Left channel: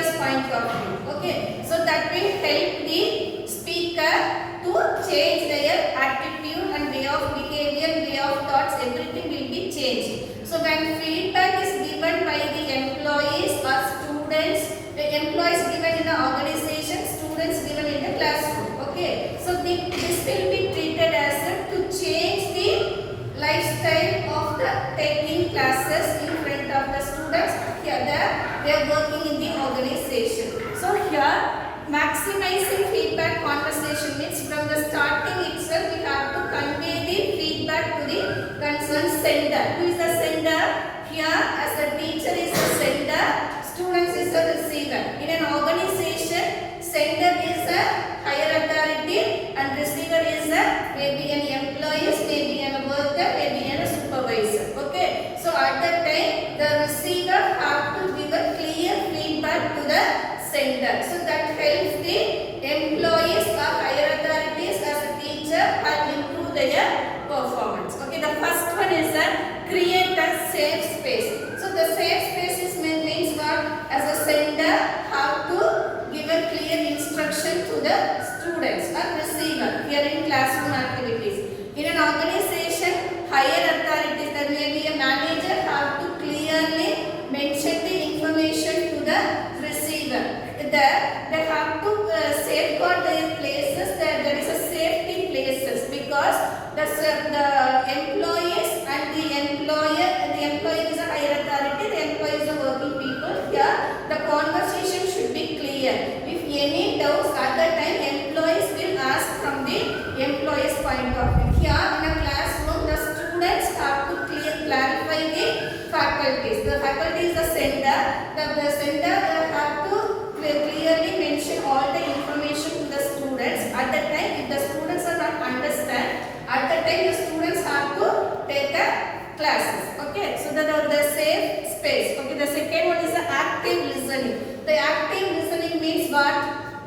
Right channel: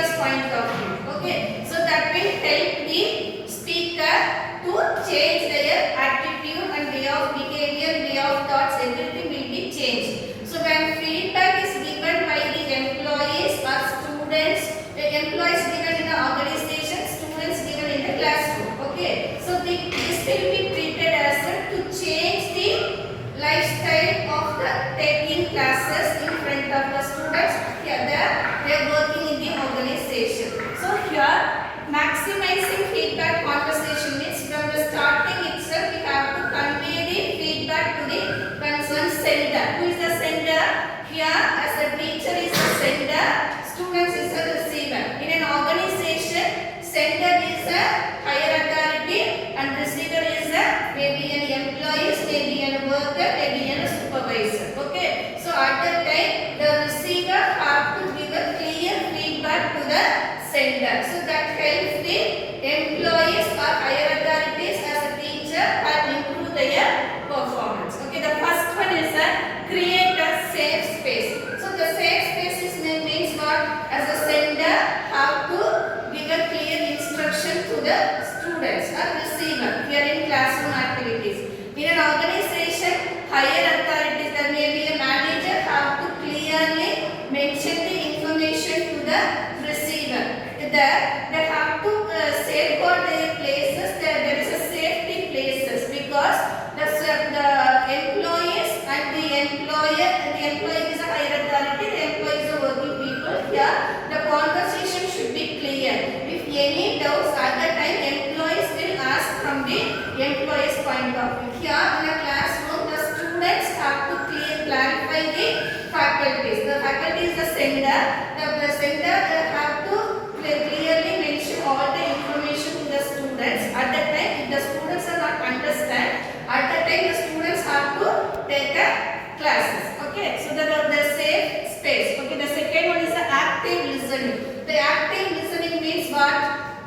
receiver's point of view. Okay, so that will help the speaker to change their attitude and way of behavior, way of thoughts, everything will be changed. So when feedback is given by the employees or students, the employees given in the organization, students given in the classroom. Okay, so this will be treated as to change the lifestyle of the taking classes in front of the students. Here they are working in the organization. So here maximizing feedback conversation means from the starting itself we have to convey the feedback to the concerned sender. Who is the sender? Here as a teacher is the sender, students is the receiver. In an organization, sender is a higher authority and receiver is a maybe an employee, maybe a worker, maybe a supervisor. Okay, so at that time the receiver have to give a clear feedback to the sender. So that helps the employees or higher authorities as a teacher and improve their performance. Okay, the first one is create a safe space. So the safe spaces means what? As a sender have to give a clear instruction to the students or receiver. We are in classroom activities. In an organization, higher authorities, there may be a manager have to clearly mention the information to the receiver. They have to safeguard their places. There is a safety places because the employees and the employer is a higher authority. The employee is a working people. Here the conversation should be clear. If any doubts at that time, employees will ask from the employee's point of view. Here in a classroom, the students have to clarify the faculties. The faculty is the sender. The sender have to clearly mention all the information to the students. At that time, if the students are not understand, at that time the students have to take the classes. Okay, so the safe space. Okay, the second one is the active listening. The active listening means what?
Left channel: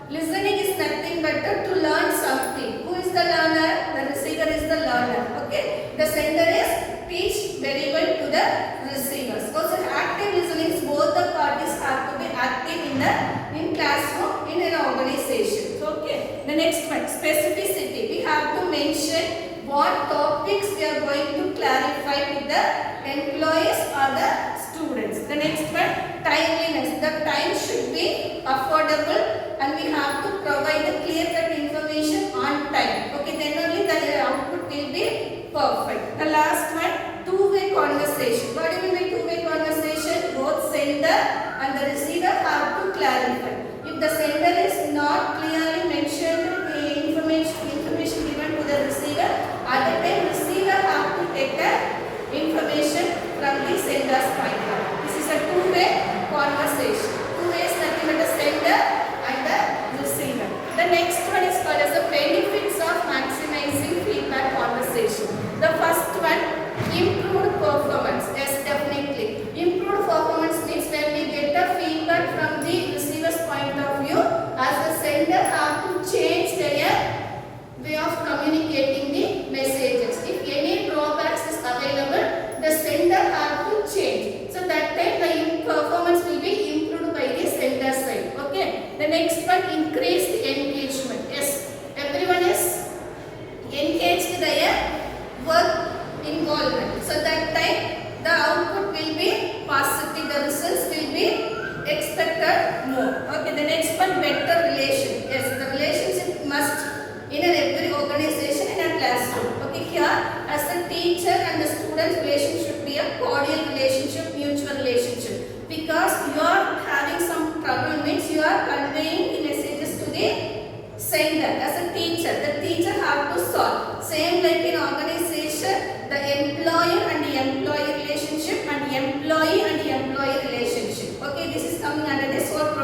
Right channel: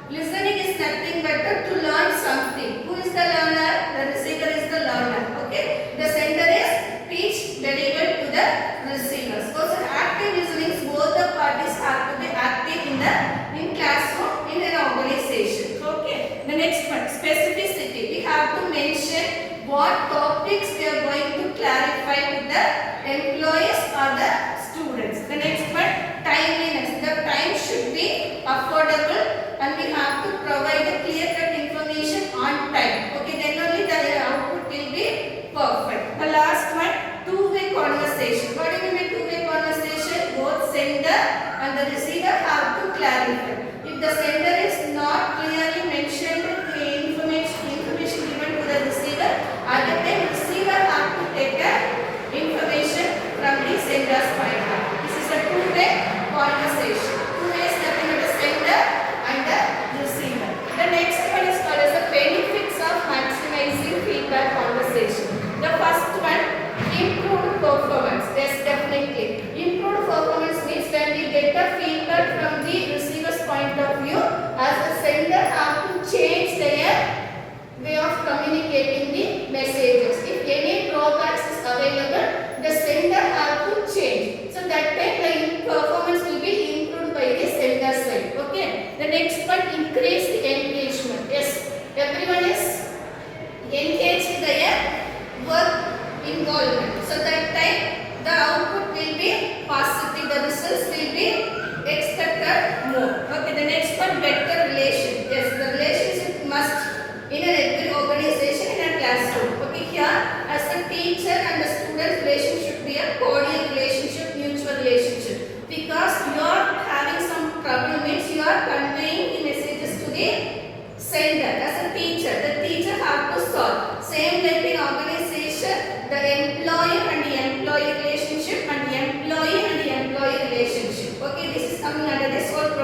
Listening is nothing but to learn something. Who is the learner? The receiver is the learner. Okay, the sender is teach very well to the receivers. Also, active listening, both the parties have to be active in classroom, in an organization. Okay, the next one, specificity. We have to mention what topics we are going to clarify with the employees or the students. The next one, timeliness. The time should be affordable and we have to provide the clear-cut information on time. Okay, then only the output will be perfect. The last one, two-way conversation. What do you mean by two-way conversation? Both sender and the receiver have to clarify. If the sender is not clearly mentioned the information given to the receiver, at the time receiver have to take the information from the sender's point of view. This is a two-way conversation. Two-way is nothing but the sender and the receiver. The next one is called as the benefits of maximizing feedback conversation. The first one, improved performance. Yes, definitely. Improved performance means when we get the feedback from the receiver's point of view, as the sender have to change their way of communicating the messages. If any drawbacks is available, the sender have to change. So that time the performance will be improved by the sender side. Okay. The next one, increased engagement. Yes, everyone is engaged in their work involvement. So that time the output will be positive. The results will be expected more. Okay. The next one, better relation. Yes, the relationship must in every organization, in a classroom. Okay, here as a teacher and the student relation should be a cordial relationship, mutual relationship. Because you are having some trouble means you are conveying the messages to the sender. As a teacher, the teacher have to solve. Same like in organization, the employer and the employee relationship and the employee and the employee relationship. Okay, this is coming under this whole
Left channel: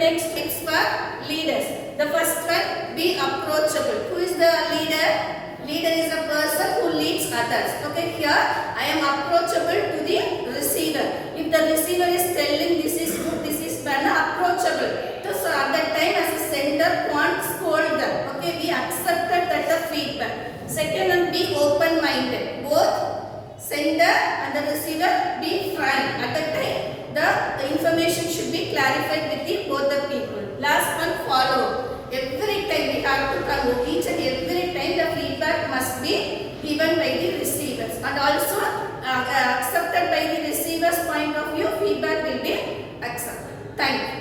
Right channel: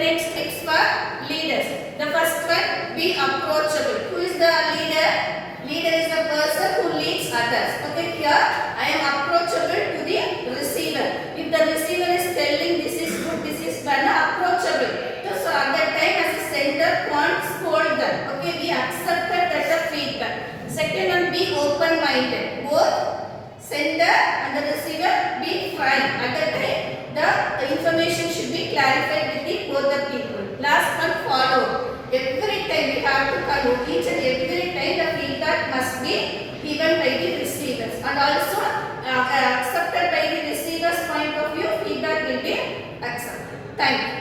next tips for leaders. The first one, be approachable. Who is the leader? Leader is a person who leads others. Okay, here I am approachable to the receiver. If the receiver is telling this is good, this is bad, approachable. So at that time as a sender, can't scold them. Okay, we accepted that the feedback. Second one, be open-minded. Both sender and the receiver be frank. At that time, the information should be clarified with both the people. Last one, follow. Every time we have to follow. Each and every time the feedback must be given by the receivers, and also accepted by the receiver's point of view. Feedback will be accepted. Thank you.